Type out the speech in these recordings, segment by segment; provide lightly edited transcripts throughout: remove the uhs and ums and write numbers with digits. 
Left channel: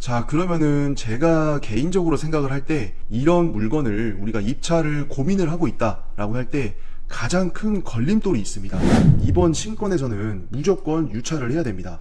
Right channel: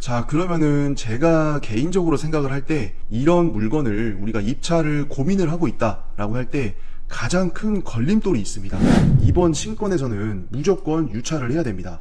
자, 그러면은 제가 개인적으로 생각을 할 때 이런 물건을 우리가 입찰을 고민을 하고 있다라고 할 때 가장 큰 걸림돌이 있습니다. 이번 신권에서는 무조건 유찰을 해야 됩니다.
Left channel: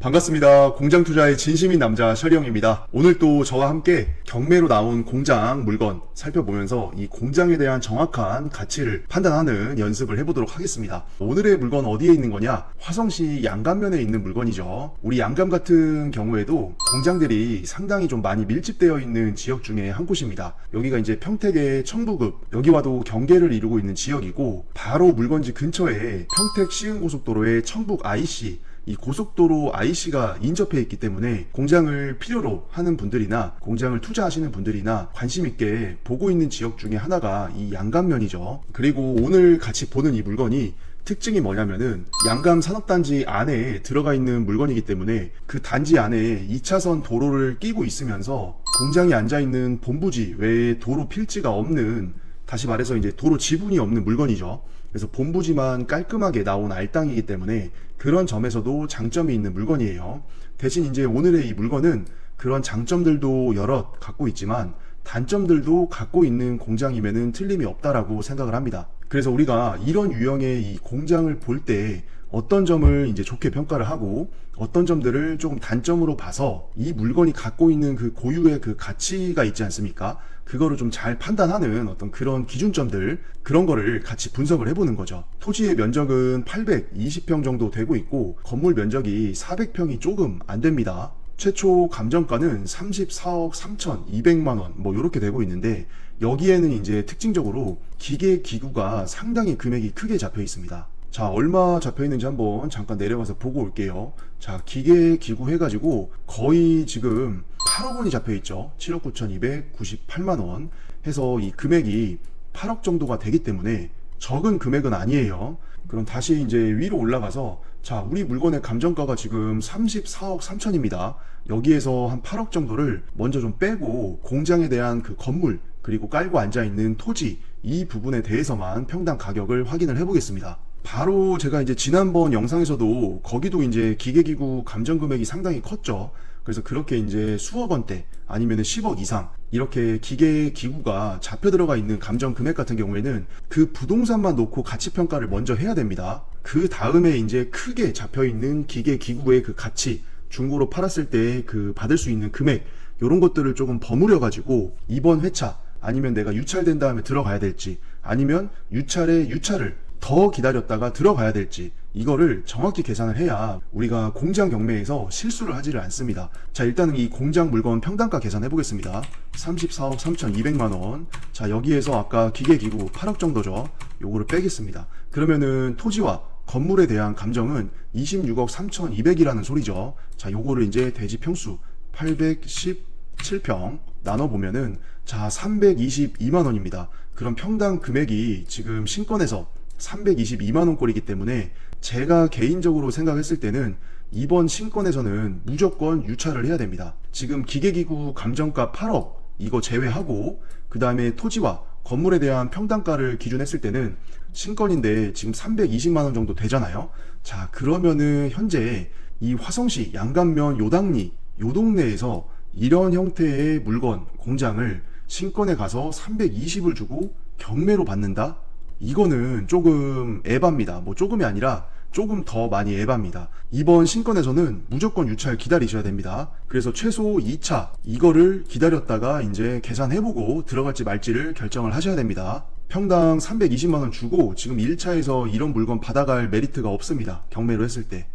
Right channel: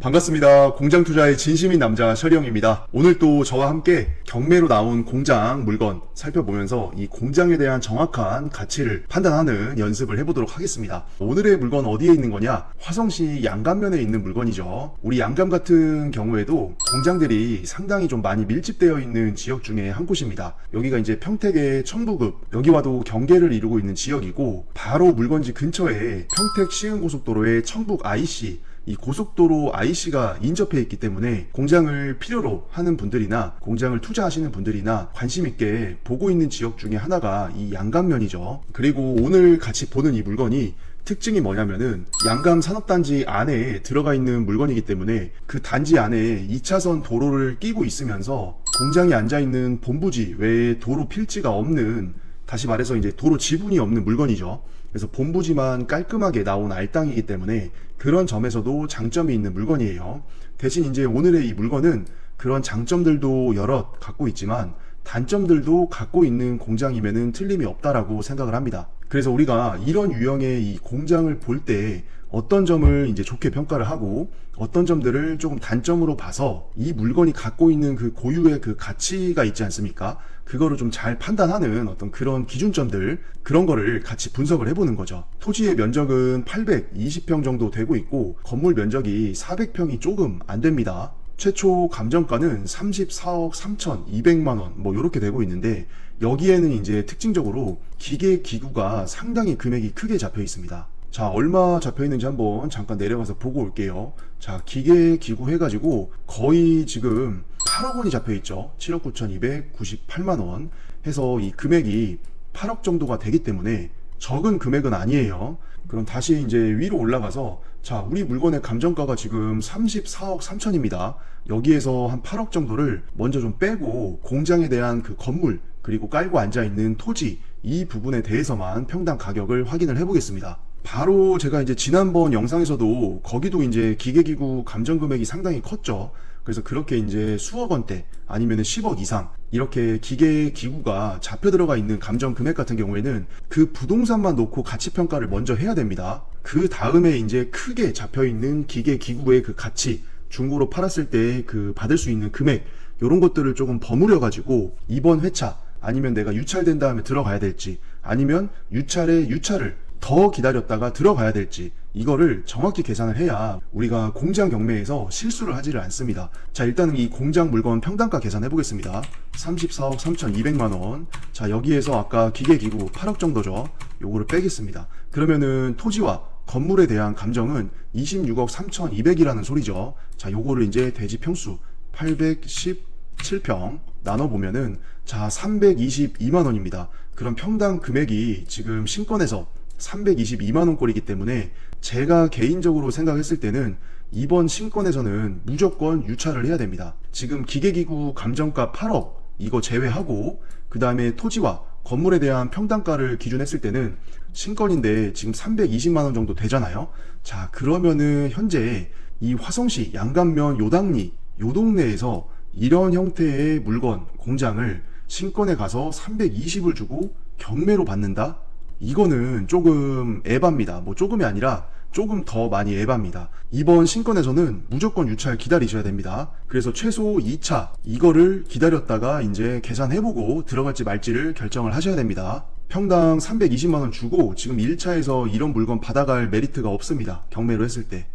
반갑습니다. 공장 투자의 진심인 남자 셔리형입니다. 오늘 또 저와 함께 경매로 나온 공장 물건 살펴보면서 이 공장에 대한 정확한 가치를 판단하는 연습을 해보도록 하겠습니다. 오늘의 물건 어디에 있는 거냐? 화성시 양감면에 있는 물건이죠. 우리 양감 같은 경우에도 공장들이 상당히 좀 많이 밀집되어 있는 지역 중에 한 곳입니다. 여기가 이제 평택의 청부급, 여기와도 경계를 이루고 있는 지역이고, 바로 물건지 근처에 평택 시흥고속도로의 청북 IC, 이 고속도로 IC가 인접해 있기 때문에 공장을 필요로 하는 분들이나 공장을 투자하시는 분들이나 관심 있게 보고 있는 지역 중에 하나가 이 양감면이죠. 그리고 오늘 같이 보는 이 물건이 특징이 뭐냐면은 양감 산업단지 안에 들어가 있는 물건이기 때문에 그 단지 안에 2차선 도로를 끼고 있으면서 공장이 앉아있는 본부지 외에 도로 필지가 없는, 다시 말해서 이제 도로 지분이 없는 물건이죠. 그래서 본부지만 깔끔하게 나온 알땅이기 때문에 그런 점에서도 장점이 있는 물건이에요. 대신 이제 오늘의 이 물건은 그런 장점들도 여럿 갖고 있지만 단점들도 갖고 있는 공장임에는 틀림이 없다라고 생각을 합니다. 그래서 우리가 이런 유형의 이 공장을 볼 때 어떤 점을 이제 좋게 평가를 하고 어떤 점들을 조금 단점으로 봐서 이 물건이 갖고 있는 그 고유의 그 가치가 있지 않습니까? 그거를 좀 잘 판단하는 어떤 그런 기준점들, 그런 거를 같이 분석을 해보는 거죠. 토지의 면적은 820평 정도 되고 있고 건물 면적이 400평이 조금 안 됩니다. 최초 감정가는 34억 3,200만원 뭐 이렇게 되고 있는데, 여기에는 이제 특징적으로 기계 기구가 상당히 금액이 크게 잡혀 있습니다. 자, 얼마 잡혀 있는지 한번 잠깐 내려가서 보고 올게요. 자, 기계 기구 해가지고 거의 지금 8억 원이 잡혀 있죠. 7억 9,298만 원 해서 이 금액이 8억 정도가 되기 때문에 적은 금액은 아니에요. 그럼 다시 이제 위로 올라가서, 자, 우리 물건의 감정가가 지금 34억 3천입니다. 여기에서 한 8억 정도를 먼저 좀 빼고 공장에 대한 그 건물, 그리고 깔고 앉아있는 토지, 이 부분에 대해서만 평당 가격을 확인을 해보겠습니다. 바로 제가 이제 지난번 영상에서도 거기도 이제 기계기구 감정 금액이 상당히 컸죠. 그래서 그렇게 이제 수억 원대 아니면 10억 이상 이렇게 기계기구가 잡혀 들어가 있는 감정 금액 같은 경우에는 그 부동산만 놓고 가치 평가를 먼저 해야 됩니다. 그 다음에 이제 크게 잡혀 있는 기계기구의 그 가치, 중고로 팔았을 때 그 받을 수 있는 금액, 이런 것들을 조금 버무려 가지고 이번 회차 아니면 내가 유찰된 다음에 들어가야 될지, 아니면 유찰을 더 기다렸다가 들어가야 될지, 이거를 정확히 계산을 해야 우리가 공장 경매에서 실수를 하지를 않습니다. 자, 일단은 이 공장 물건 평당가 계산해 보겠습니다. 34억 3,200만원. 자, 여기에서 아까 기계기구 8억 정도죠. 요거를 빼겠습니다. 그러면은 토지와 건물에 대한 감정은 26억 3,200이라는 소리죠. 자, 요거를 이제 대지 평수 817평 나눠보면은, 자, 322만원입니다. 그럼 평당 금액이 지금 신권에서 322만원 꼴이기 때문에 제가 개인적으로 생각했을 때는 이번 신권에서는 무조건 유찰을 해야 됩니다. 지금 기계기구 감정가 8억 이거 제외하고 그 다음에 토지와 건물에 대한 평당가를 기준했을 때는 신권인데 지금 320만원 정도 되잖아요. 자, 그러면은 현재 이 화성시 양감면 요당리 요 동네에서 이런 형태의 물건 공장을 신권에 가서 320을 주고 경매로 받는다? 이거는 조금 에바입니다. 뭐 조금이 아니라 조금 더 많이 에바입니다. 이번 신권에서는 무조건 유찰 기다리셔야 됩니다. 그래서 최소 2차 이거를 기다렸다가 이제 계산해보고 들어갈지 말지를 결정을 하셔야 됩니다. 평당 320만원 주고 지금 1차에서 이런 물건 받아갈 메리트가 없습니다. 경매로 했을 때.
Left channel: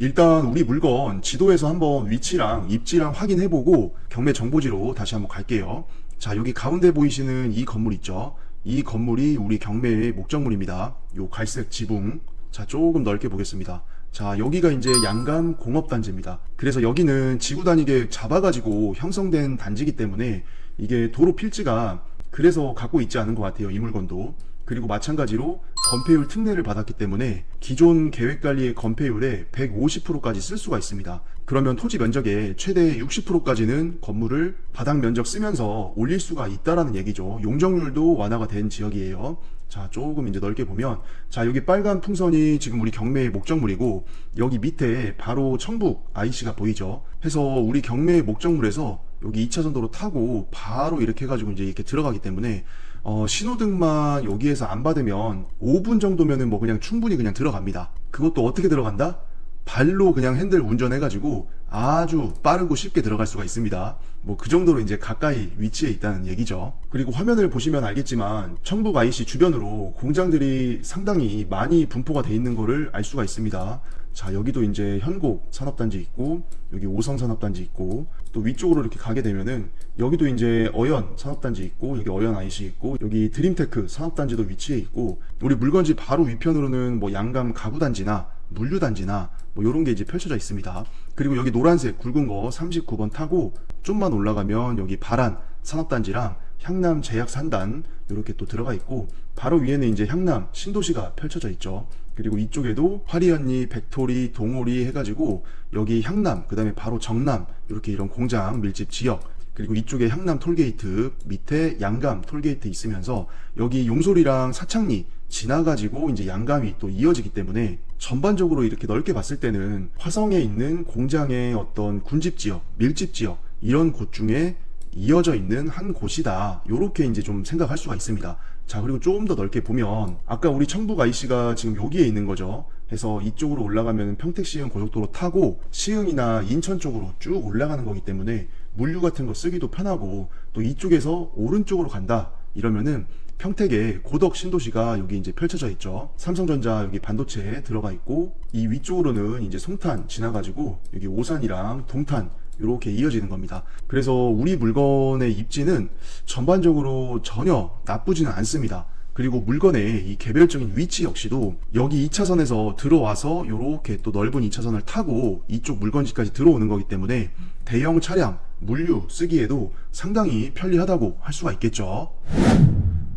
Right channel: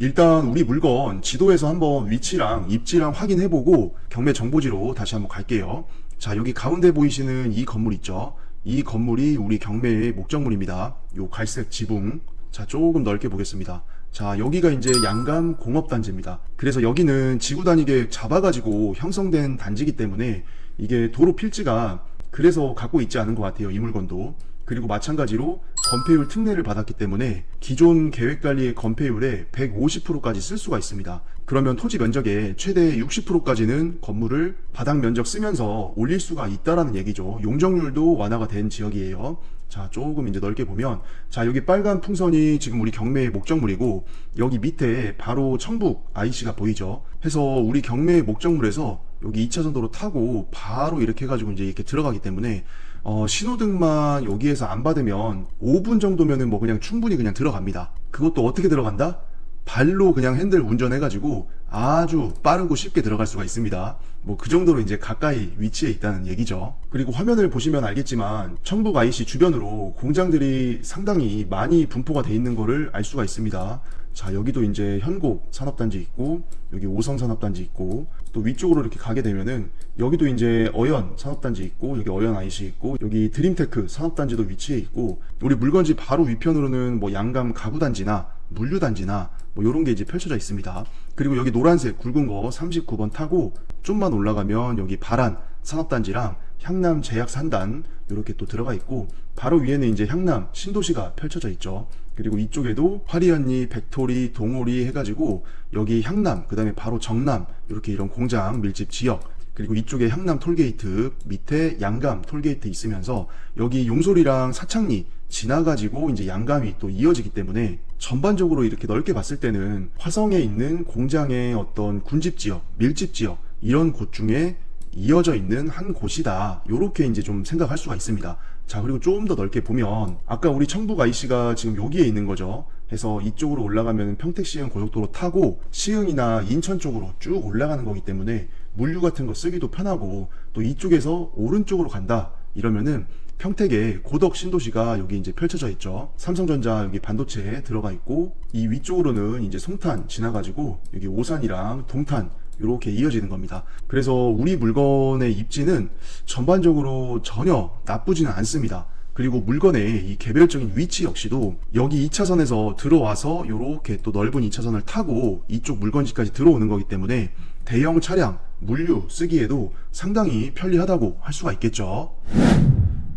일단 우리 물건 지도에서 한번 위치랑 입지랑 확인해보고 경매 정보지로 다시 한번 갈게요. 자, 여기 가운데 보이시는 이 건물 있죠? 이 건물이 우리 경매의 목적물입니다. 요 갈색 지붕. 자, 조금 넓게 보겠습니다. 자, 여기가 이제 양감 공업단지입니다. 그래서 여기는 지구 단위계 잡아가지고 형성된 단지이기 때문에 이게 도로 필지가 그래서 갖고 있지 않은 것 같아요. 이 물건도. 그리고 마찬가지로 건폐율 특례를 받았기 때문에 기존 계획관리의 건폐율의 150%까지 쓸 수가 있습니다. 그러면 토지 면적의 최대 60%까지는 건물을 바닥 면적 쓰면서 올릴 수가 있다라는 얘기죠. 용적률도 완화가 된 지역이에요. 자, 조금 이제 넓게 보면, 자, 여기 빨간 풍선이 지금 우리 경매의 목적물이고, 여기 밑에 바로 천북 IC가 보이죠. 해서 우리 경매의 목적물에서 여기 2차선 도로 타고 바로 이렇게 해가지고 이제 이렇게 들어가기 때문에, 신호등만 여기에서 안 받으면 5분 정도면은 뭐 그냥 충분히 그냥 들어갑니다. 그것도 어떻게 들어간다? 발로 그냥 핸들 운전해가지고 아주 빠르고 쉽게 들어갈 수가 있습니다. 뭐 그 정도로 이제 가까이 위치해 있다는 얘기죠. 그리고 화면을 보시면 알겠지만 천북 IC 주변으로 공장들이 상당히 많이 분포가 돼 있는 거를 알 수가 있습니다. 자, 여기도 이제 현곡 산업단지 있고, 여기 오성 산업단지 있고, 또 위쪽으로 이렇게 가게 되면은 여기도 이제 어연 산업단지 있고, 여기 어연 IC 있고, 여기 드림테크 산업단지도 위치해 있고, 우리 물건지 바로 위편으로는 뭐 양감 가구단지나 물류단지나 뭐 요런 게 이제 펼쳐져 있습니다. 그리고 여기 노란색 굵은 거 39번 타고 좀만 올라가면 여기 바란 산업단지랑 향남 제약산단 이렇게 또 들어가 있고, 바로 위에는 이제 향남 신도시가 펼쳐져 있죠. 그리고 이쪽에도 화리언리, 백토리, 동호리 해가지고 여기 향남, 그 다음에 바로 정남 이렇게 이런 공장 밀집 지역, 그리고 이쪽에 향남 톨게이트, 밑에 양감 톨게이트 있으면서 여기 용소리랑 사창리 지나가지고 이제 양감이 또 이어지기 때문에 전반적으로 이렇게 넓게 봤을 때는 화성에 있는 공장의 어떤 군집 지역, 밀집 지역 이런 곳 중에 이어져 있는 한 곳이다. 요렇게 이제 좀 생각할 수가 있습니다. 자, 그리고 조금 더 넓게 보면 아까 우리 천북 IC가 지금 여기에 있는 거죠. 해서 이쪽으로 올라가면 평택 시흥 고속도로 타고 시흥이나 인천 쪽으로 쭉 올라가는 거기 때문에 물류 같은 거 쓰기도 편하고, 또 이쪽에서 오른쪽으로 간다 이러면은 평택에 고덕 신도시가 여기 이제 펼쳐져 있죠. 삼성전자 여기 반도체에 들어가 있고, 이 위쪽으로는 이제 송탄 지나가지고 여기 오산이랑 동탄 이렇게 이어지는 겁니다. 그래서 우리 물건의 입지는 전반적으로 전혀 나쁘지는 않습니다. 그리고 물건의 이 개별적인 위치 역시도 여기 2차선에서 들어와서 이렇게 또 넓은 2차선을 타고 이쪽 물건지까지 들어오는 거기 때문에 대형 차량, 물류 쓰기에도 상당히 편리하다고 할 수가 있겠죠.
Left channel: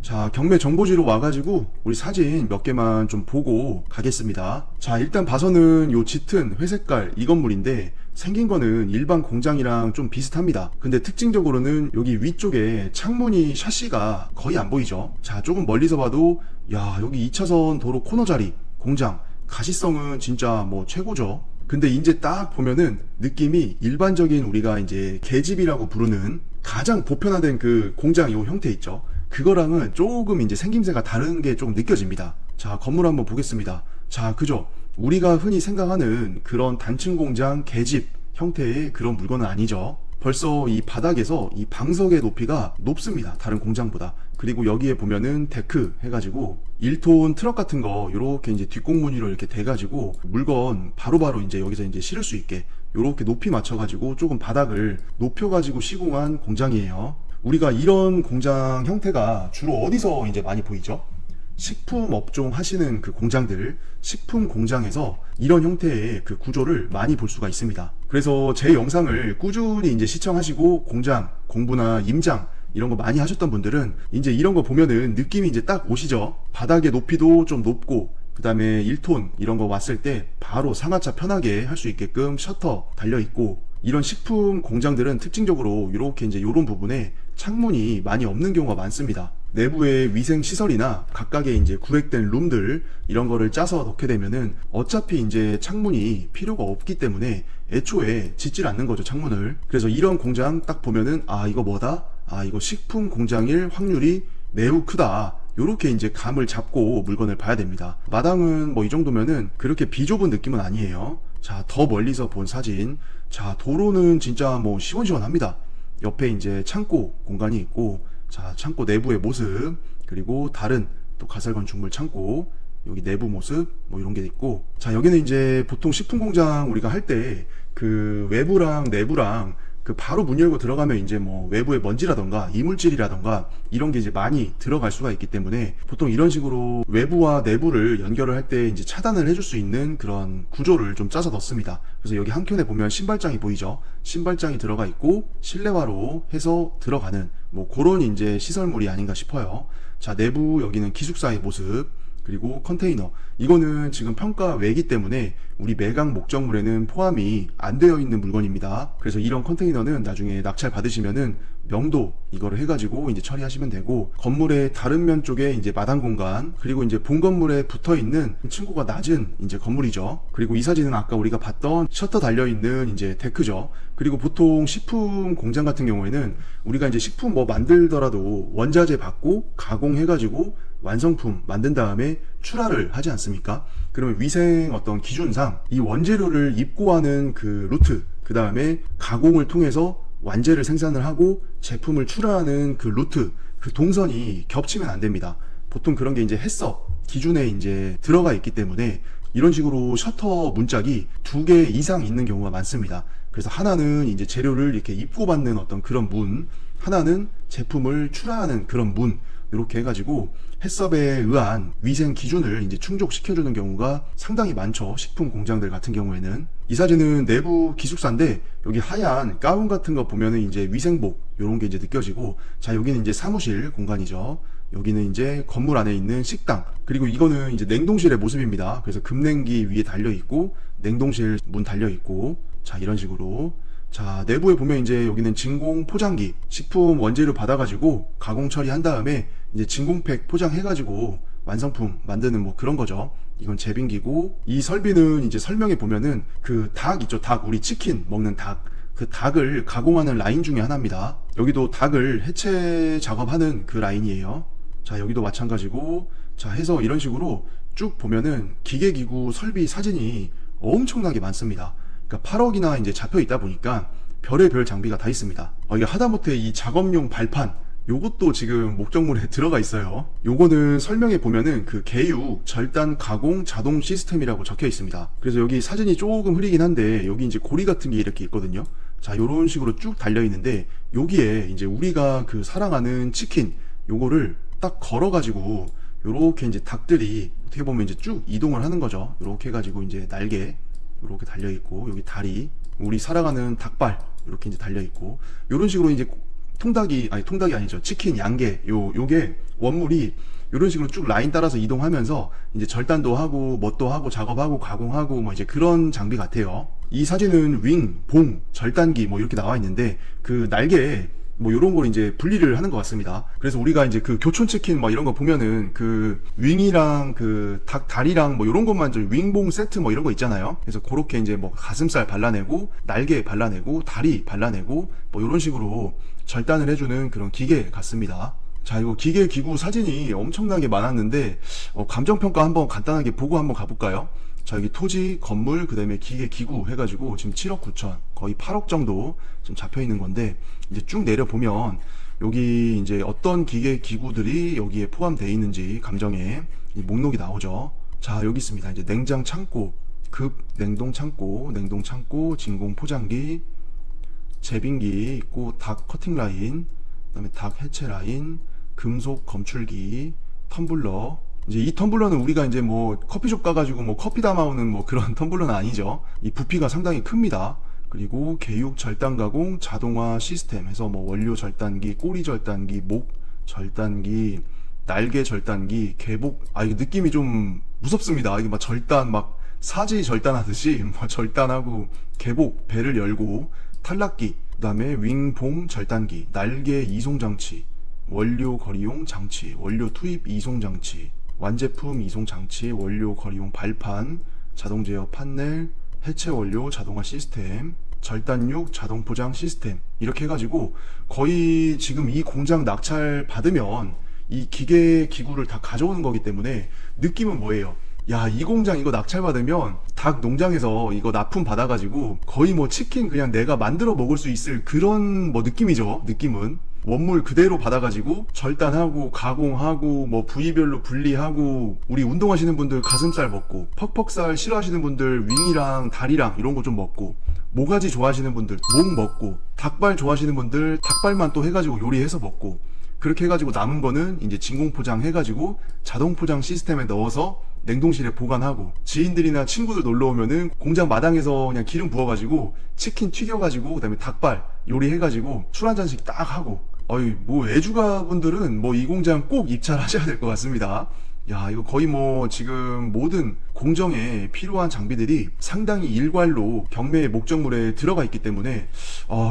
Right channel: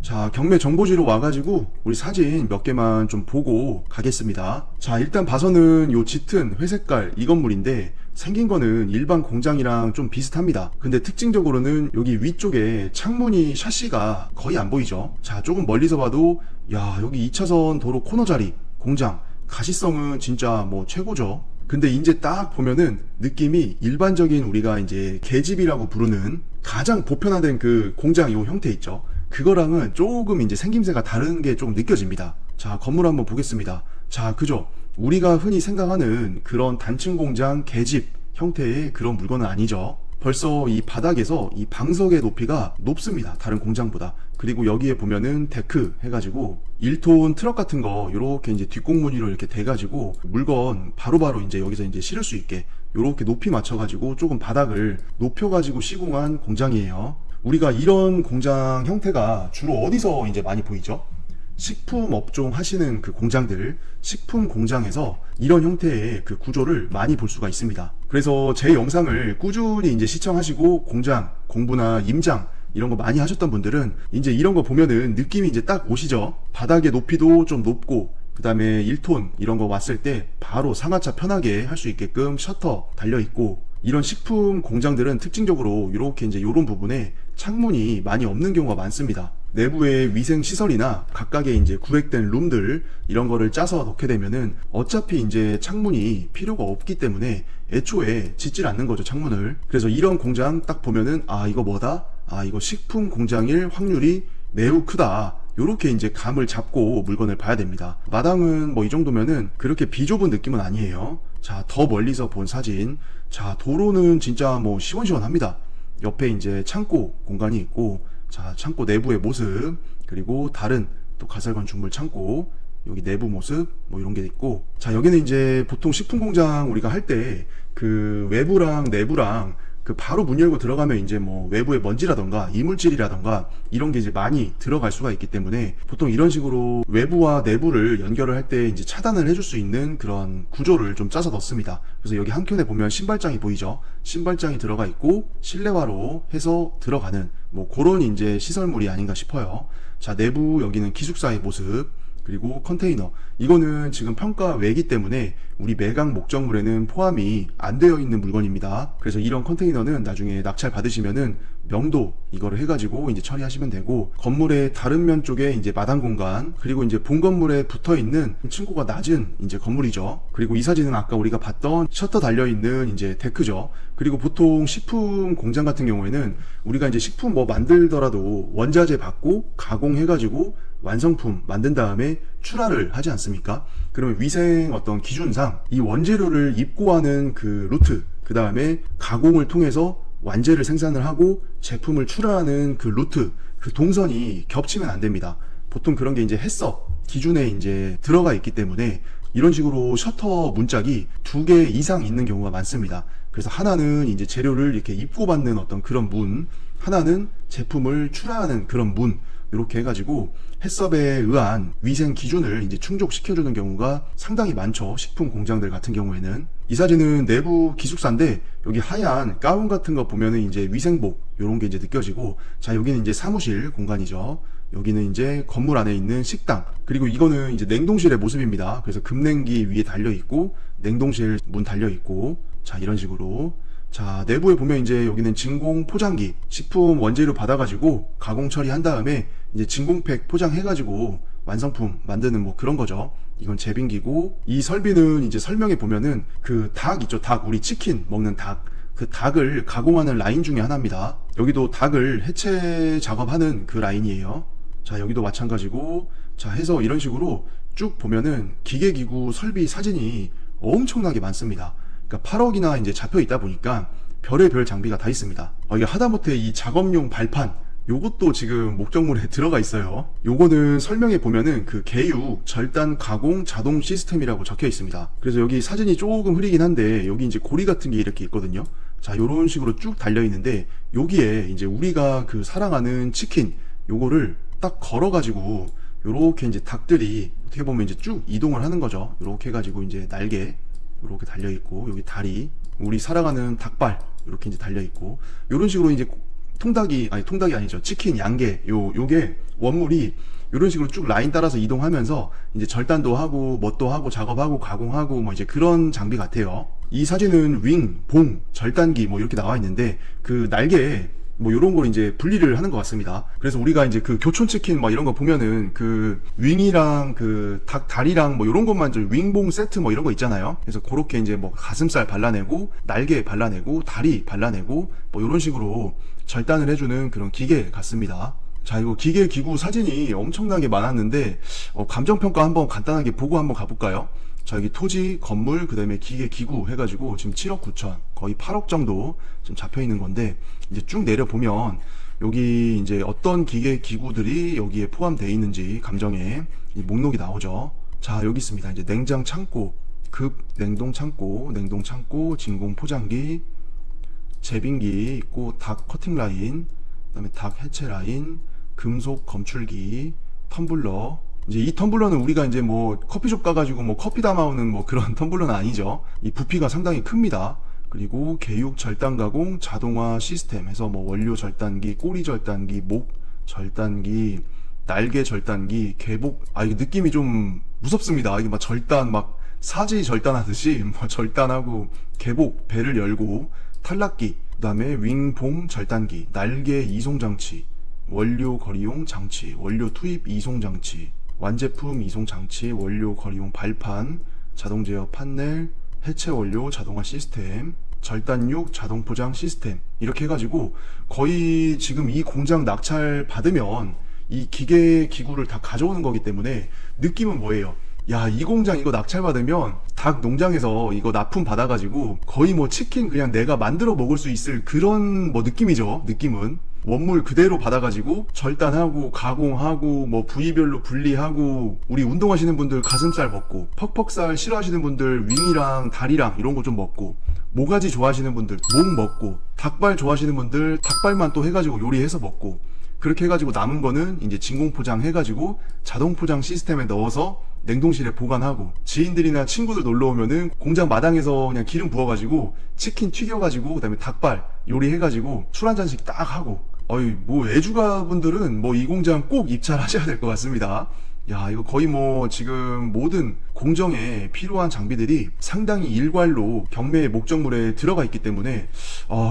자, 경매 정보지로 와가지고 우리 사진 몇 개만 좀 보고 가겠습니다. 자, 일단 봐서는 요 짙은 회색깔 이 건물인데 생긴 거는 일반 공장이랑 좀 비슷합니다. 근데 특징적으로는 여기 위쪽에 창문이 샤시가 거의 안 보이죠. 자, 조금 멀리서 봐도 야, 여기 2차선 도로 코너 자리 공장 가시성은 진짜 뭐 최고죠. 근데 이제 딱 보면은 느낌이 일반적인 우리가 이제 계집이라고 부르는 가장 보편화된 그 공장 요 형태 있죠. 그거랑은 조금 이제 생김새가 다른 게 좀 느껴집니다. 자, 건물 한번 보겠습니다. 자, 그죠? 우리가 흔히 생각하는 그런 단층 공장 계집 형태의 그런 물건은 아니죠. 벌써 이 바닥에서 이 방석의 높이가 높습니다. 다른 공장보다. 그리고 여기에 보면은 데크 해가지고 1톤 트럭 같은 거 이렇게 이제 뒷공무늬로 이렇게 돼가지고 물건 바로바로 이제 여기서 이제 실을 수 있게 이렇게 높이 맞춰가지고 조금 바닥을 높여가지고 시공한 공장이에요. 우리가 이런 공장 형태가 주로 어디서 이제 많이 보이죠? 식품 업종 하시는 그 공장들, 식품 공장에서 이런 형태의 그 구조를 많이 볼 수가 있습니다. 그래서 제 영상을 꾸준히 이제 시청하시고 공장, 공부나 임장 이런 거 많이 하셨던 분들은 이제 이런 거 보면은 느낌이 이제 딱 오시죠? 바닥의 높이도 좀 높고, 그 다음에 1톤 이런 거 왔을 때 바로 상하차 편하게 할 수 있게끔 셔터 달려 있고, 이런 식품 공장들은 특징적으로 이렇게 이제 이런 부분에 창문이 많이 없는 경우가 많습니다. 내부에 위생 시설이나 각각의 이제 구획된 룸들 이런 거를 짜서 넣게 되면은 어차피 이제 창문이 필요가 없기 때문에 애초에 짓질 않는 거죠, 창문을. 그래서 이런 공장 딱 보면은 아, 이거 뭐다? 아, 이거 식품 공장일 확률이 매우 크다. 요렇게 이제 감을 잡고 물건을 봐야 됩니다. 마당은 뭐 이 정도면은 그렇게 비좁은 느낌은 아니에요. 자, 더 멀리서 본 사진. 자, 도로는 진짜 뭐 시원시원합니다. 옆에 이제 창고 공간이 있고, 자, 창고 내부의 모습, 그리고 다른 또 가설 건축물 창고, 여기 내부 모습, 뭐 이런 게 있고, 자, 여기는 이제 보통 식품 공장 우리가 할 때 그 외부랑 내부랑 그 바로 문 열고 들어가면 이제 뭐 외부의 먼지라던가 이물질이라던가 이런 게 이제 많이 들어갈 수가 있기 때문에 보통 이런 식으로 외부와 내부를 연결을 할 때 이제 차단을 해줄 수 있는 그런 구조를 좀 짜서 넣습니다. 그래서 여기 한켠에 보면 신발장이 보이죠? 신발장이 들어가 있고 실내화로 해서 들어가는 뭐 그런 이제 시설물이 아닌가 싶어요. 자, 내부 여기는 기숙사의 모습. 그리고 컨테이너, 이거는 지금 평가 외기 때문에 우리 매각 목적물에는 포함이 안 되어 있는 물건입니다. 그래서 이런 컨테이너는 나중에 낙찰 받으시면은 명도 이거를 해가지고 이제 처리하시면 되고, 건물의 다른 면 쪽에 이제 마당 공간, 그리고 이제 본 건물에 붙어 있는 층고가 낮은 이제 건물이죠. 그리고 이 사진은 아까 우리가 봤던 셔터 달려 있는 이제 데크죠. 그리고 보통 식품 공장 같은 경우에는 우리가 이제 식품 뭐 만들더라도 원자재 받고 가공해가지고 완성품 만든 다음에 출하를 하지 않습니까? 그러면 위생 어떤 기준상 이 원재료를 입고하는 그 루트, 그 다음에 가공을 통해서 완제를 생산을 하고 제품을 출하하는 그 루트, 그 동선이 겹치면 안 됩니다. 보통 그런 게 이제 해썹 기준에 이제 들어가 있기 때문에 이런 식으로 셔터 문짝이 2개 이상 있는 경우가 많습니다. 그래서 하나는 이제 재료를 이렇게 입고받는 어떤 그런 문, 하나는 제품을 출하하는 그런 문, 이렇게 해가지고 해썹에 의한 위생 기준을 이제 충족시켜주는 경우가 상당히 많죠. 식품 공장들 같은 경우에는. 이 사진은 내부 기숙사인데 여기 하얀 가운 같은 거 보면은 이제 위생복 이런 게 이제 느껴지고, 자 여기는 이제 사무실 공간이죠. 여기는 이제 건물 안에 있는 식당, 그리고 이거는 이제 냉동실의 모습입니다. 그래서 급냉기 위에 달려 있고 냉동실 문 달려 있고, 자 이런 식으로. 자 내부에 보면 이제 여기는 진공 포장기, 식품 원재료 받아가지고 가공 처리한 다음에 이제 진공팩 포장해가지고 완성품 만드는 뭐 그런 거죠. 이건 제빙기고, 이 설비는 이제 설명에 보면은 그 닭 있죠. 닭, 우리 치킨 먹는 닭, 그 닭을 가공하는 라인 중에 하나입니다. 여기도 닭을 해체 작업하는 그 라인이에요. 자 여기도 마찬가지고, 자 해서 이런 식으로 쭉 보면은 기계기구 설비 사진이 엄청나게 많습니다. 그러니까 8억이나 이제 잡혀 있다 보니까 별의별 장비가 다 있습니다. 이게 하다못해 이 작업용 발판, 요것도 지금 목적물에 들어가 있어요. 요거는 설명에 보면은 그 개육 절단 가공 자동 시스템이라고 적혀 있습니다. 그래서 여기 사진이 조금 흐리긴 한데 여기 이제 고리 같은 게 이렇게 있거든요. 자 요런 식으로 쭉 달려 있는데, 여기에 이제 우리가 그 사랑하는 치킨 요거를 딱 걸어 가지고 요렇게 이제 닭들이 어떻게 보면 이제 쭉 이동을 하는 거죠. 요렇게 해가지고 이제 날개 요렇게 달려 있고, 여기 다리, 우리 사랑하는 닭발 이렇게 이제 달려 있고, 요런 식으로 이제 통닭이 아니죠. 치킨 양계 요게 원물이 이런 식으로 쭉 라인 따라서 이동하면서 이제 절단도 하고 뭣도 하고 작업하고 가공하고 뭐 이제 그런 장비 같아요. 이 사진은 윙, 봉, 절단기 뭐 이렇게 나와 있는데 그 날개 뭐 이런 걸 이제 분리를 하는 것 같습니다. 그래서 우리가 이제 그 교촌치킨 뭐 이런 거 보면은 그 윙이랑 그 닭 다리랑 뭐 이런 것만 좀 윙봉 세트 뭐 이런 거 있잖아요. 그래서 그렇게 이제 뭐 가슴살 발라내고 날개 발라내고 다리 발라내고 뭐 이런 식으로 절단을 해주는 그런 기계 같습니다. 자 이거 기계 기구 사진이 엄청나게 많았는데 감정평가 한번 간단하게 보고 한번 가볼까요? 자 여기 토지, 건물, 그 다음에 기계 기구 해가지고 지금 7억 9천 거의 8억 정도 지금 잡혀 있는 건데, 이제 쭉 내려보면 여기 이제 어떤 기계 기구들이 여기에 포함되어 있는지 감정에 목록이 나오죠. 자 여기 있습니다. 이제 냉장 창고, 급 냉동 창고, 진공 포장기, 제빙기 있고, 닭 커팅 라인, 그 다음에 닭 해체 라인, 금속 검출기, 텀블러. 이제 이 텀블러는 우리가 이제 뭐 커피숍 가가지고 뭐 커피 담아오는 뭐 그런 텀블러는 아니죠. 이 부피가 상당히 큽니다. 그리고 개육 절단 가공 자동화 시스템 해서 뭐 원료 절단기, 꼬리 절단기, 목 절단기, 날개 절단기, 개복. 이게 느낌이 좀 무섭습니다. 이게 막 절단, 막 사지 절단하듯이 뭐 절단하고 개복, 배를 열고, 탈락기, 그 다음에 윙봉 절단기, 날개 이송장치, 원료 거리용 장치, 원료 투입 이송장치, 완제품 이송장치, 원료 거리용 발판, 자동 제어 판넬, 해체 원료 자동화 시스템, 절단육 자동 포장 시스템, 이렇게 해가지고 거의 지금 이 공장 낙찰 받으면 이 기계 기구를 다 가져오는 거기 때문에 느낌은 뭐예요? 야, 이 공장 이거 낙찰 받으면 닭 농장에서 이거 납품 받아가지고 거의 뭐 치킨 그냥 내가 만들어 먹을 수 있을 그런 뭐 느낌이죠. 느낌은 원물 그대로 받아가지고 절단하고 가공하고 뭐 부위별로 분리하고, 우리 운동하시는 분들 가슴살 먹고, 퍽퍽살 싫어하시는 분들 윙이랑 다리랑 이런 거 좀 먹고, 모가지 좋아하시는 분들 목 먹고, 닭발 좋아하시는 분들 닭발만 또 해가지고 요리해서 먹고, 그렇게 해가지고 남은 거는 이제 진공 포장 해가지고 자동 포장 시스템에 넣어서 냉동실에 보관하고, 지인들이나 친구들 놀러 오면은 공장 마당에서 그냥 기름 부어가지고 치킨 튀겨가지고 그다음에 닭발 요리해가지고 술 한 잔씩 딱 하고. 뭐 애주가분들은 뭐 이 공장 꼭 입찰하셔야 될 것 같습니다. 야, 이거 거의 뭐 지금 모든 공정에 필요한 장비들이 상당히 일괄로 경매 목적물에 들어가 있기 때문에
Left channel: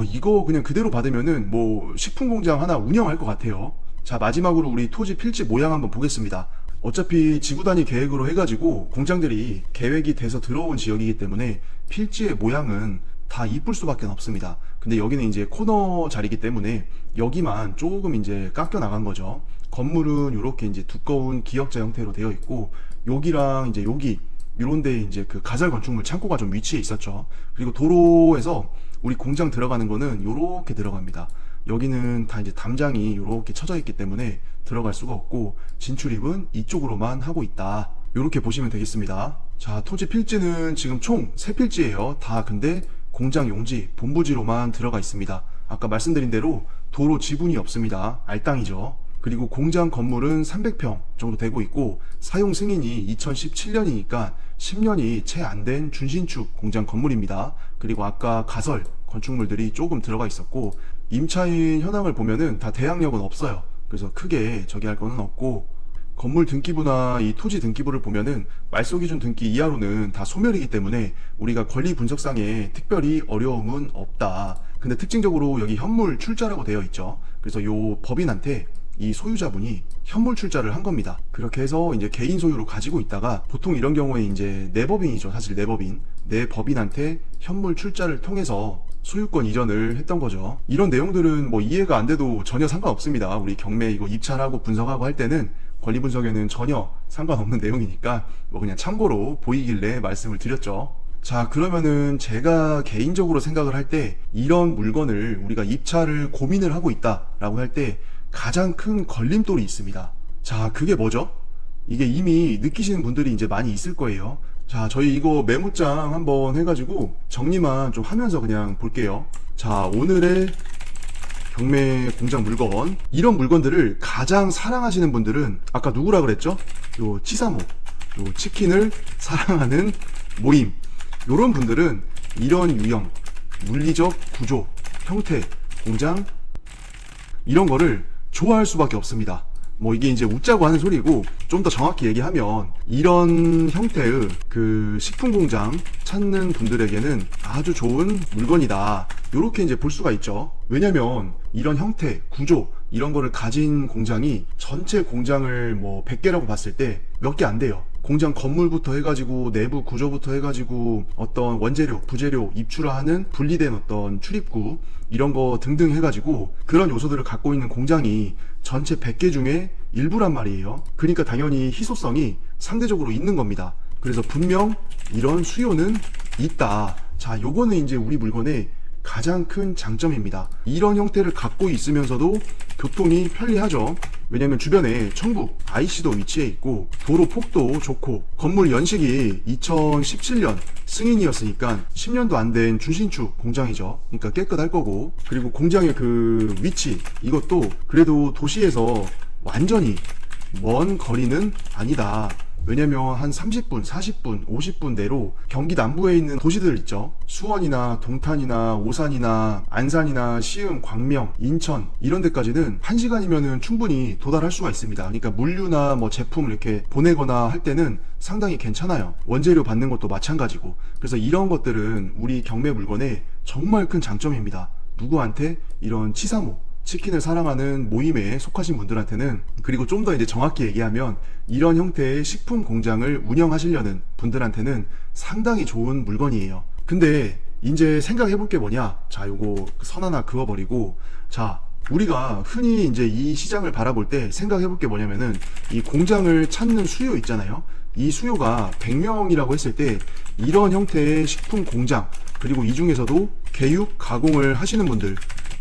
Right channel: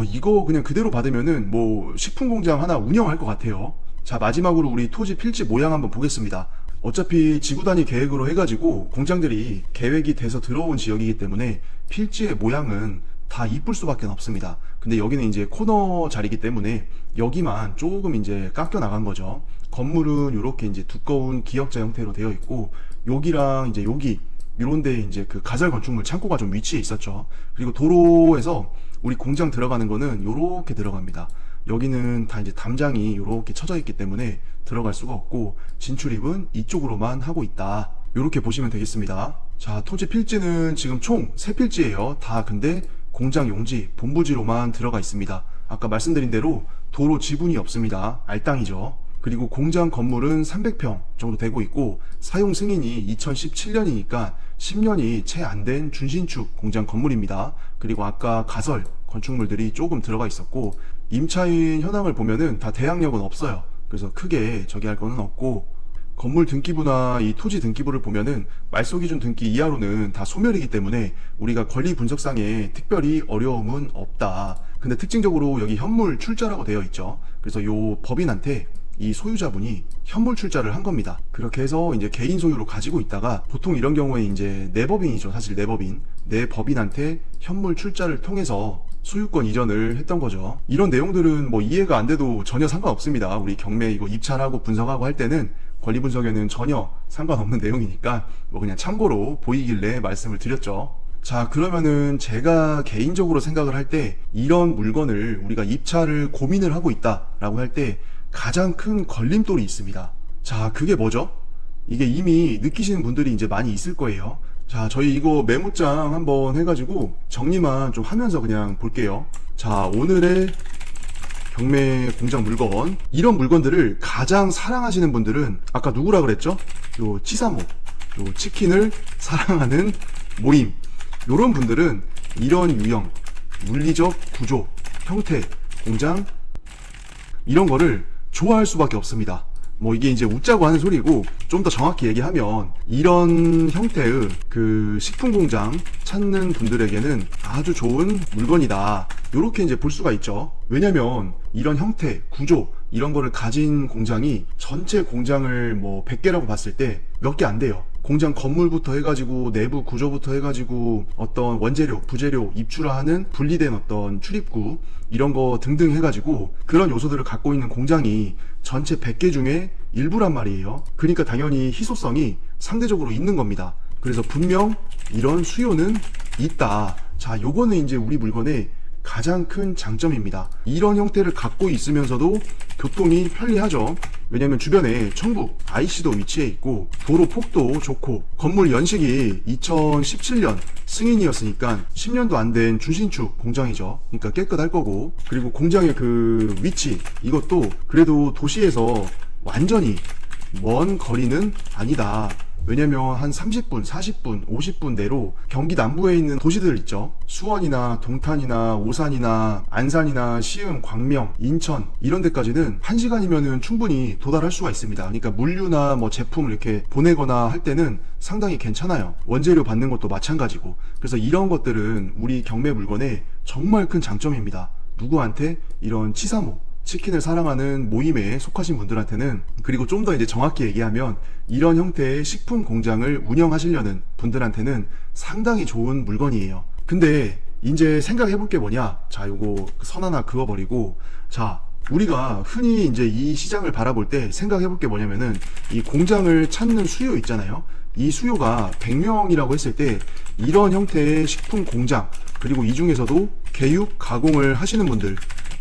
이거 그냥 그대로 받으면은 뭐 식품 공장 하나 운영할 것 같아요. 자, 마지막으로 우리 토지 필지 모양 한번 보겠습니다. 어차피 지구 단위 계획으로 해가지고 공장들이 계획이 돼서 들어온 지역이기 때문에 필지의 모양은 다 이쁠 수밖에 없습니다. 근데 여기는 이제 코너 자리이기 때문에 여기만 조금 이제 깎여 나간 거죠. 건물은 이렇게 이제 두꺼운 기역자 형태로 되어 있고, 여기랑 이제 여기 이런데 이제 그 가설 건축물 창고가 좀 위치해 있었죠. 그리고 도로에서 우리 공장 들어가는 거는 이렇게 들어갑니다. 여기는 다 이제 담장이 이렇게 쳐져 있기 때문에 들어갈 수가 없고, 진출입은 이쪽으로만 하고 있다. 이렇게 보시면 되겠습니다. 자, 토지 필지는 지금 총 3필지예요. 다 근데 공장 용지, 본부지로만 들어가 있습니다. 아까 말씀드린 대로 도로 지분이 없습니다. 알땅이죠. 그리고 공장 건물은 300평 정도 되고 있고, 사용 승인이 2017년이니까 10년이 채 안 된 준신축 공장 건물입니다. 그리고 아까 가설 건축물들이 조금 들어가 있었고, 임차인 현황을 보면은 다 대항력은 없어요. 그래서 크게 저기 할 거는 없고, 건물 등기부나 이 토지 등기부를 보면은 말소기준 등기 이하로는 다 소멸이기 때문에 우리가 권리 분석상에 특별히 어려움은 없다. 근데 특징적으로 여기 현물 출자라고 되어 있죠. 그래서 요 법인한테 이 소유자분이 현물 출자를 한 겁니다. 그렇게 해서 이제 개인 소유로 가지고 있다가, 보통 이런 경우에 이제 내법인이죠. 사실 내법인. 내법인한테 현물 출자를 통해서 소유권 이전을 했던 거죠. 이런 내용들은 뭐 이해가 안 돼도 전혀 상관없습니다. 우리 경매 이거 입찰하고 분석하고 할 때는 권리 분석에는 전혀 상관없는 내용이니까 뭐 그냥 참고로 보이길래 말씀을 드렸죠. 자, 그러면은 제가 개인적으로 생각을 할 때 이런 물건을 우리가 입찰을 고민을 하고 있다라고 할 때 가장 큰 걸림돌이 있습니다. 자, 그게 뭐죠? 이게 이미 느끼시는 분들이 이제 많이 있을 거예요. 자, 저희 이거 메모장 한번 해가지고 정리만 좀 하면서 그냥 볼게요. 자, 오늘의 경매 공장 물건, 이런 물건들을 가장 사랑하시는 분들은 아까 누구라 그랬죠? 요 치사모, 요 치킨을 사랑하는 모임, 요런 분들은 이런 유형, 물리적 구조, 형태, 공장, 이런 거를 좋아할 수밖에 없습니다. 뭐 이게 이제 웃자고 하는 소리고, 좀 더 정확히 얘기하면 이런 형태의 그 식품 공장 찾는 분들에게는 아주 좋은 물건이다. 이렇게 이제 볼 수가 있죠. 왜냐면 이런 형태, 구조, 이런 거를 가진 공장이 전체 공장을 뭐 100개라고 봤을 때 몇 개 안 돼요. 공장 건물부터 해가지고 내부 구조부터 해가지고 어떤 원재료, 부재료 입출하는 분리된 어떤 출입구, 이런 거 등등 해가지고 그런 요소들을 갖고 있는 공장이 전체 100개 중에 일부란 말이에요. 그러니까 당연히 희소성이 상대적으로 있는 겁니다. 그래서 분명 이런 수요는 있다. 자, 요거는 이제 우리 물건의 가장 큰 장점입니다. 이런 형태를 갖고 있으면서도 교통이 편리하죠. 왜냐면 주변에 청북 IC도 위치해 있고, 도로 폭도 좋고, 건물 연식이 2017년 승인이었으니까 10년도 안 된 준신축 공장이죠. 그러니까 깨끗할 거고, 그리고 공장의 그 위치, 이것도 그래도 도시에서 완전히 먼 거리는 아니다. 왜냐면 한 30분, 40분, 50분 내로 경기 남부에 있는 도시들 있죠. 수원이나 동탄이나 오산이나 안산이나 시흥, 광명, 인천 이런 데까지는 1시간이면 충분히 도달할 수가 있습니다. 그러니까 물류나 뭐 제품을 이렇게 보내거나 할 때는 상당히 괜찮아요. 원재료 받는 것도 마찬가지고. 그래서 이런 것들은 우리 경매 물건의 정말 큰 장점입니다. 누구한테? 이런 치사모, 치킨을 사랑하는 모임에 속하신 분들한테는, 그리고 좀 더 이제 정확히 얘기하면 이런 형태의 식품 공장을 운영하시려는 분들한테는 상당히 좋은 물건이에요. 근데 이제 생각해 볼 게 뭐냐? 자, 요거 선 하나 그어버리고, 자, 우리가 흔히 이제 이 시장을 바라볼 때 생각해 볼 게 뭐냐면은 이 공장을 찾는 수요 있잖아요. 이 수요가 100명이라고 했을 때 이런 형태의 식품 공장, 그리고 이 중에서도 개육 가공을 하시는 분들,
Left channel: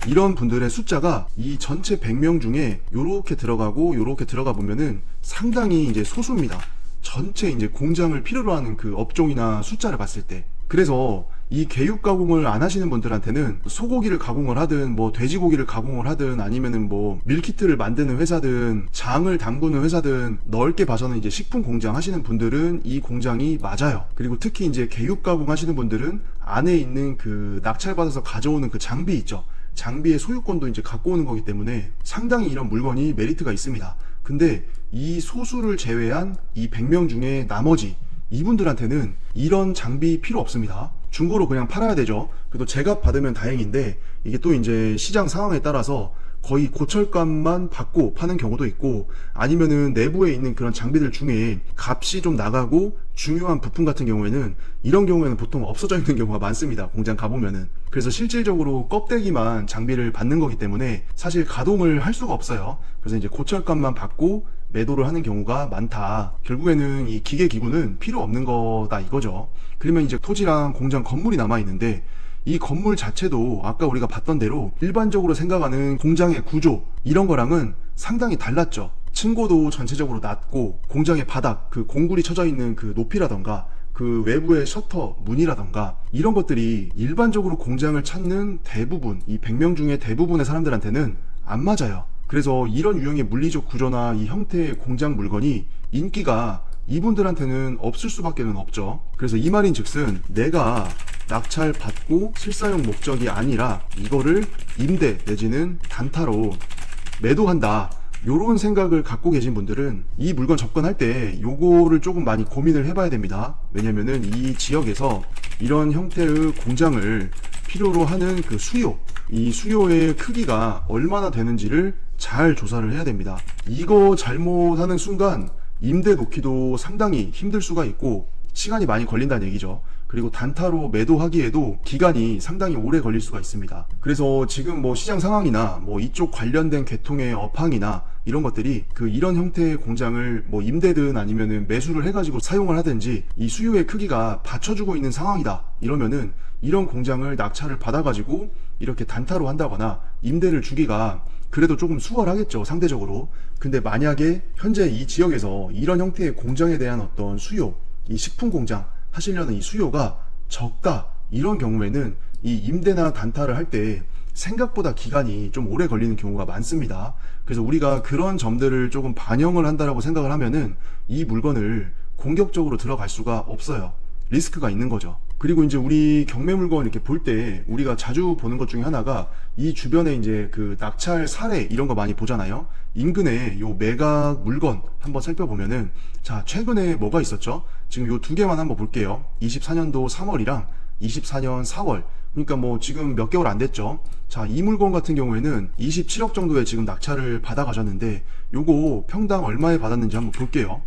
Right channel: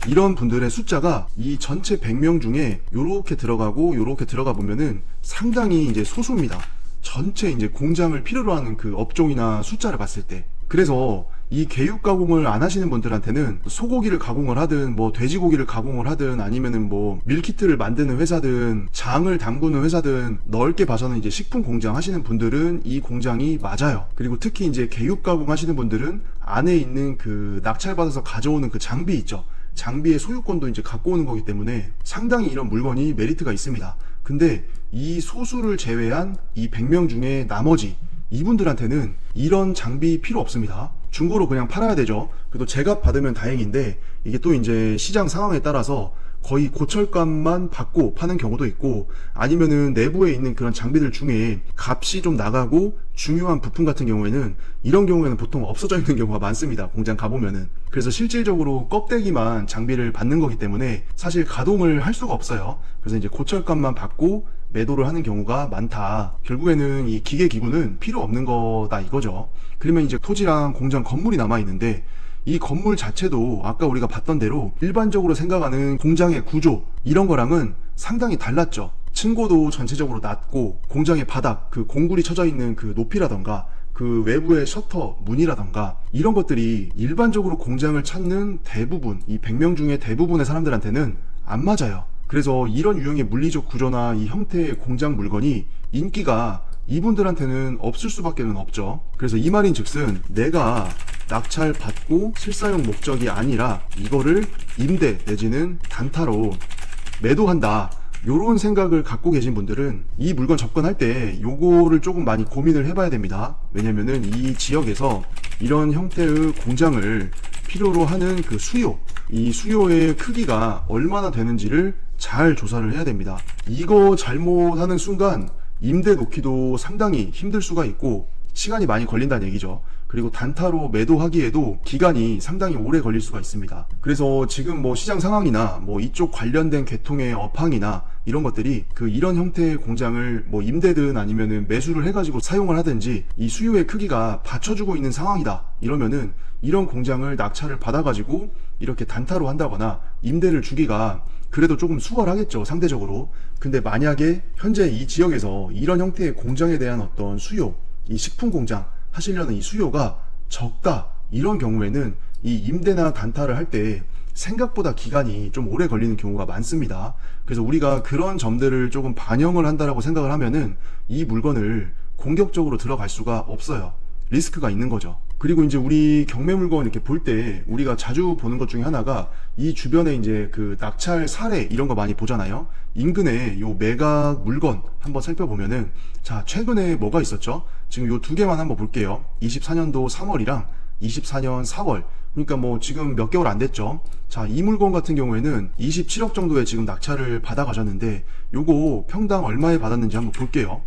이런 분들의 숫자가 이 전체 100명 중에 요렇게 들어가고 요렇게 들어가 보면은 상당히 이제 소수입니다. 전체 이제 공장을 필요로 하는 그 업종이나 숫자를 봤을 때. 그래서 이 개육 가공을 안 하시는 분들한테는 소고기를 가공을 하든 뭐 돼지고기를 가공을 하든 아니면은 뭐 밀키트를 만드는 회사든 장을 담그는 회사든 넓게 봐서는 이제 식품 공장 하시는 분들은 이 공장이 맞아요. 그리고 특히 이제 개육 가공 하시는 분들은 안에 있는 그 낙찰받아서 가져오는 그 장비 있죠. 장비의 소유권도 이제 갖고 오는 거기 때문에 상당히 이런 물건이 메리트가 있습니다. 근데 이 소수를 제외한 이 100명 중에 나머지 이분들한테는 이런 장비 필요 없습니다. 중고로 그냥 팔아야 되죠. 그래도 제값 받으면 다행인데 이게 또 이제 시장 상황에 따라서 거의 고철값만 받고 파는 경우도 있고, 아니면은 내부에 있는 그런 장비들 중에 값이 좀 나가고 중요한 부품 같은 경우에는 이런 경우에는 보통 없어져 있는 경우가 많습니다. 공장 가보면은. 그래서 실질적으로 껍데기만 장비를 받는 거기 때문에 사실 가동을 할 수가 없어요. 그래서 이제 고철값만 받고 매도를 하는 경우가 많다. 결국에는 이 기계 기구는 필요 없는 거다 이거죠. 그러면 이제 토지랑 공장 건물이 남아 있는데, 이 건물 자체도 아까 우리가 봤던 대로 일반적으로 생각하는 공장의 구조 이런 거랑은 상당히 달랐죠. 층고도 전체적으로 낮고, 공장의 바닥, 그 공굴이 쳐져 있는 그 높이라던가 그 외부의 셔터 문이라던가 이런 것들이 일반적으로 공장을 찾는 대부분, 이 100명 중에 대부분의 사람들한테는 안 맞아요. 그래서 이런 유형의 물리적 구조나 이 형태의 공장 물건이 인기가 이분들한테는 없을 수밖에 없죠. 그래서 이 말인 즉슨 내가 낙찰 받고 실사용 목적이 아니라 이거를 임대 내지는 단타로 매도한다, 요런 생각을 갖고 계신 분들은 이 물건 접근할 때 요거를 조금 많이 고민을 해봐야 됩니다. 왜냐면은 이 지역에서 이런 형태의 공장을 필요로 하는 그 수요, 이 수요의 크기가 얼마나 되는지를 잘 조사를 해야 됩니다. 이거 잘못하는 순간 임대 놓기도 상당히 힘들 수가 있고 시간이 많이 걸린다는 얘기죠. 그리고 단타로 매도하기에도 기간이 상당히 오래 걸릴 수가 있습니다. 그래서 지금 뭐 시장 상황이나 뭐 이쪽 관련된 계통의 업황이나 이런 것들이 이런 형태의 공장을 뭐 임대든 아니면은 매수를 해가지고 사용을 하든지 이 수요의 크기가 받쳐주고 있는 상황이다 이러면은 이런 공장을 낙찰을 받아가지고 이렇게 단타로 한다거나 임대를 주기가 그래도 조금 수월하겠죠, 상대적으로. 근데 만약에 현재 이 지역에서 이런 형태의 공장에 대한 어떤 수요, 이 식품 공장 하시려는 이 수요가 적다, 이런 경우에는 이 임대나 단타를 할 때 생각보다 기간이 좀 오래 걸리는 경우가 많습니다. 그래서 우리가 그런 점들을 조금 반영을 한다라고 생각을 하면은 이 물건을 공격적으로 들어갈 수가 없어요. 리스크가 있는 거죠. 그리고 이제 우리 경매 물건 이렇게 볼 때 우리가 자주 보는 것 중에 하나가 이 주변에 이제 그 낙찰 사례 이런 거 많이 보잖아요. 인근에 요 매각 물건 한번 살펴보면은, 자, 최근에 뭐가 있었죠? 지금 요 두 개만 한번 볼게요. 24년도 3월이랑 24년 4월. 그러니까 뭐 지금 몇 개월 안 됐죠. 자, 이 물건 같은 경우에는 27억 정도에 지금 낙찰을 받아 가셨는데, 요거 평당 얼마에 받았는지 한번 볼게요.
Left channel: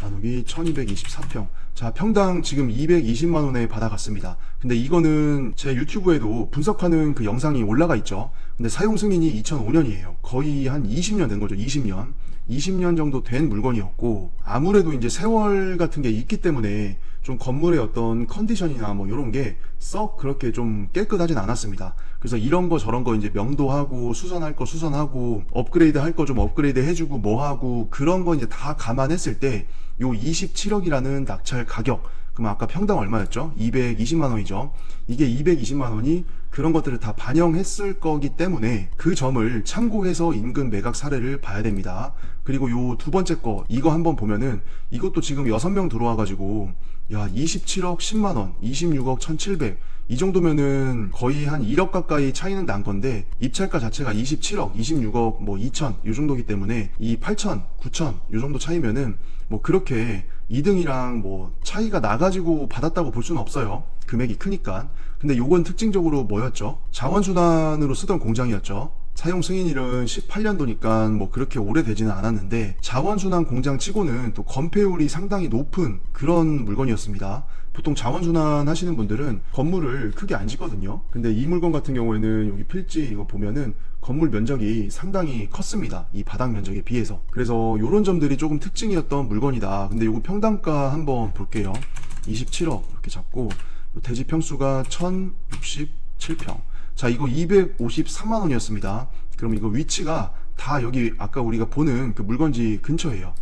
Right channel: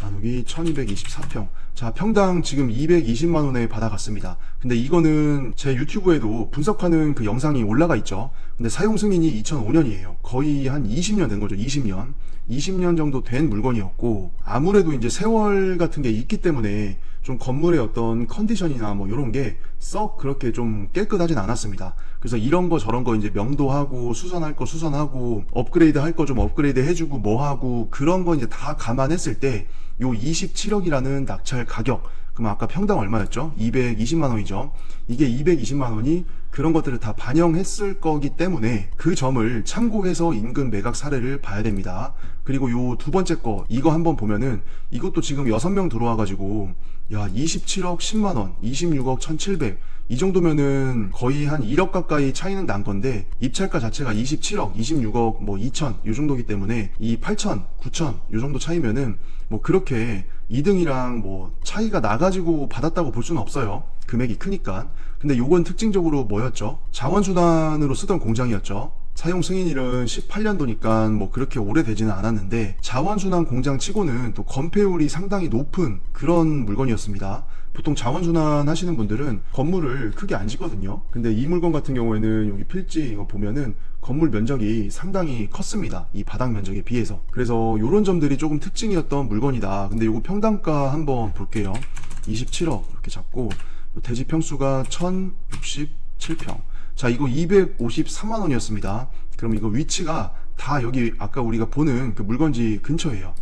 나누기 1224평. 자, 평당 지금 220만원에 받아갔습니다. 근데 이거는 제 유튜브에도 분석하는 그 영상이 올라가 있죠. 근데 사용 승인이 2005년이에요. 거의 한 20년 된 거죠. 20년 정도 된 물건이었고, 아무래도 이제 세월 같은 게 있기 때문에 좀 건물의 어떤 컨디션이나 뭐 이런 게 썩 그렇게 좀 깨끗하진 않았습니다. 그래서 이런 거 저런 거 이제 명도하고 수선할 거 수선하고 업그레이드 할 거 좀 업그레이드 해주고 뭐 하고 그런 거 이제 다 감안했을 때 요 27억이라는 낙찰 가격, 그럼 아까 평당 얼마였죠? 220만원이죠. 이게 220만원이 그런 것들을 다 반영했을 거기 때문에 그 점을 참고해서 인근 매각 사례를 봐야 됩니다. 그리고 요 두 번째 거, 이거 한번 보면은 이것도 지금 6명 들어와가지고 야, 27억 10만원, 26억 1700, 이 정도면은 거의 한 1억 가까이 차이는 난 건데, 입찰가 자체가 27억, 26억, 뭐 2천, 요 정도기 때문에 이 8천, 9천, 요 정도 차이면은 뭐 그렇게 2등이랑 뭐 차이가 나가지고 받았다고 볼 수는 없어요. 금액이 크니까. 근데 요건 특징적으로 뭐였죠? 자원순환으로 쓰던 공장이었죠. 사용 승인일은 18년도니까 뭐 그렇게 오래되지는 않았는데, 자원순환 공장 치고는 또 건폐율이 상당히 높은 그런 물건이었습니다. 보통 자원순환 하시는 분들은 건물을 크게 안 짓거든요. 근데 이 물건 같은 경우에는 여기 필지 이거 보면은 건물 면적이 상당히 컸습니다. 이 바닥 면적에 비해서. 그래서 이런 점들이 조금 특징이었던 물건이다. 근데 이거 평당가 한번 볼게요. 27억 이렇게 잡고 대지 평수가 1067평. 자, 이거 253만원이었습니다. 그럼 이거 위치가 다 여기 아까 우리가 보는 그 물건지 근처예요.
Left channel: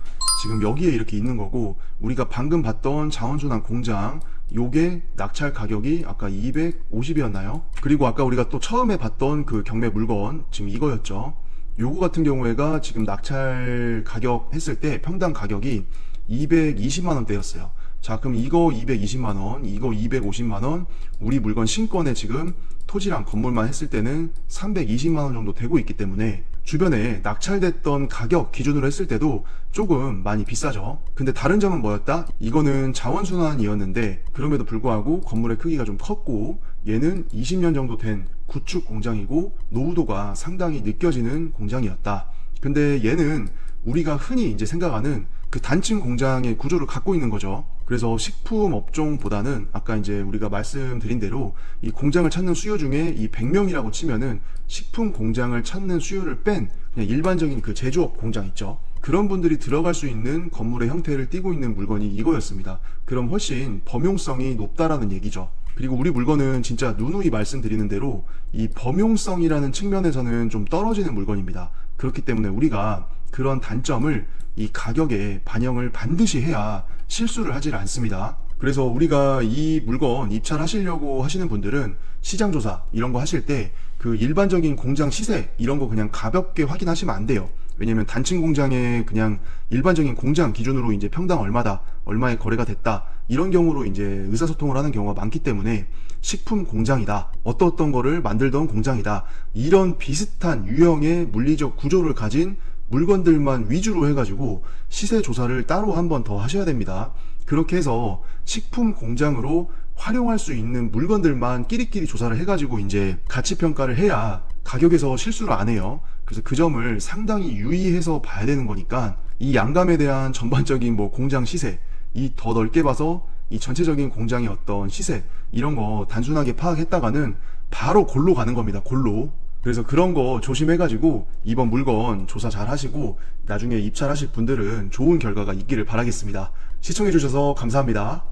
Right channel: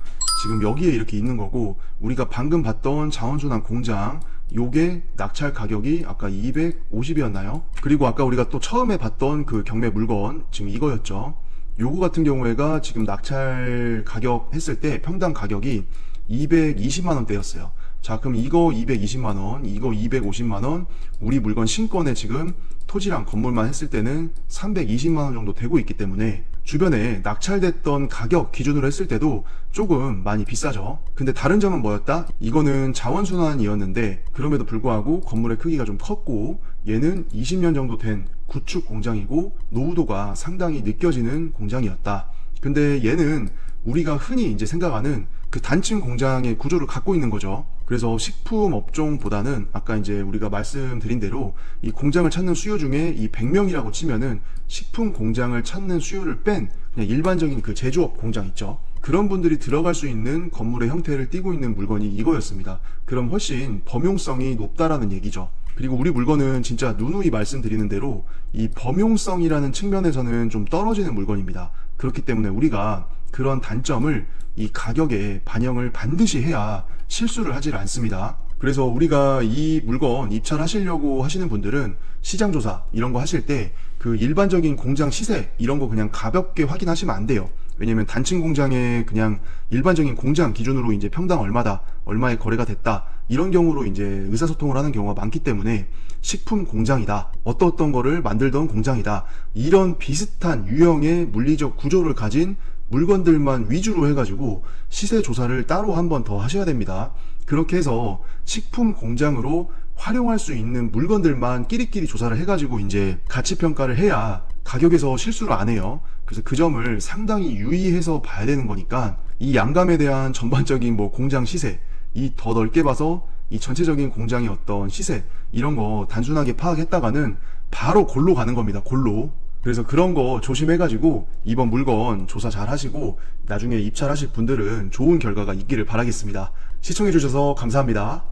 지금 여기에 이렇게 있는 거고, 우리가 방금 봤던 자원순환 공장 요게 낙찰 가격이 아까 250이었나요? 그리고 아까 우리가 또 처음에 봤던 그 경매 물건 지금 이거였죠. 요거 같은 경우에가 지금 낙찰 가격 했을 때 평당 가격이 220만원대였어요. 자, 그럼 이거 220만원, 이거 250만원, 우리 물건 신권에 지금 토지랑 건물만 했을 때는 320만원 정도 되고 있기 때문에 주변에 낙찰됐던 가격 기준으로 했을 때도 조금 많이 비싸죠. 근데 다른 점은 뭐였다? 이거는 자원순환이었는데 그럼에도 불구하고 건물의 크기가 좀 컸고, 얘는 20년 정도 된 구축 공장이고 노후도가 상당히 느껴지는 공장이었다. 근데 얘는 우리가 흔히 이제 생각하는 그 단층 공장의 구조를 갖고 있는 거죠. 그래서 식품 업종보다는 아까 이제 우리가 말씀드린 대로 이 공장을 찾는 수요 중에 이 100명이라고 치면은 식품 공장을 찾는 수요를 뺀 그냥 일반적인 그 제조업 공장 있죠. 그런 분들이 들어갈 수 있는 건물의 형태를 띠고 있는 물건이 이거였습니다. 그럼 훨씬 범용성이 높다라는 얘기죠. 그리고 우리 물건은 진짜 누누이 말씀드리는 대로 이 범용성이라는 측면에서는 좀 떨어지는 물건입니다. 그렇기 때문에 우리가 그런 단점을 이 가격에 반영을 반드시 해야 실수를 하질 않습니다. 그래서 우리가 이 물건 입찰하시려고 하시는 분들은 시장조사 이런 거 하실 때 그 일반적인 공장 시세 이런 거 그냥 가볍게 확인하시면 안 돼요. 왜냐면 단층 공장에 그냥 일반적인 공장 기준으로 이제 평당 얼마다, 얼마에 거래가 됐다, 이런 경우로 이제 의사소통을 하는 경우가 많기 때문에 식품 공장이다, 어떤 거를 만들던 공장이다, 이런 비슷한 유형의 물리적 구조를 가진 물건들만 위주로 해가지고 시세 조사를 따로 한 번 더 하셔야 됩니다. 그렇게 해서 식품 공장으로 활용할 수 있는 물건들만 끼리끼리 조사를 해가지고 이제 가치 평가를 해야 가격에서 실수를 안 해요. 그래서 그 점을 상당히 유의해서 봐야 되는 거니까 이 양감에 대한 전반적인 뭐 공장 시세, 이 더 넓게 봐서 이 전체적인 공장의 어떤 시세 이런 거 단순하게 파악했다가는 바로 골로 가는 겁니다. 골로. 그래서 그런 거 조심해가지고 이번 물건 조사 잘 하시고 나중에 입찰하실 분들은 좋은 결과가 있기를 바라겠습니다. 시청해주셔서 감사합니다.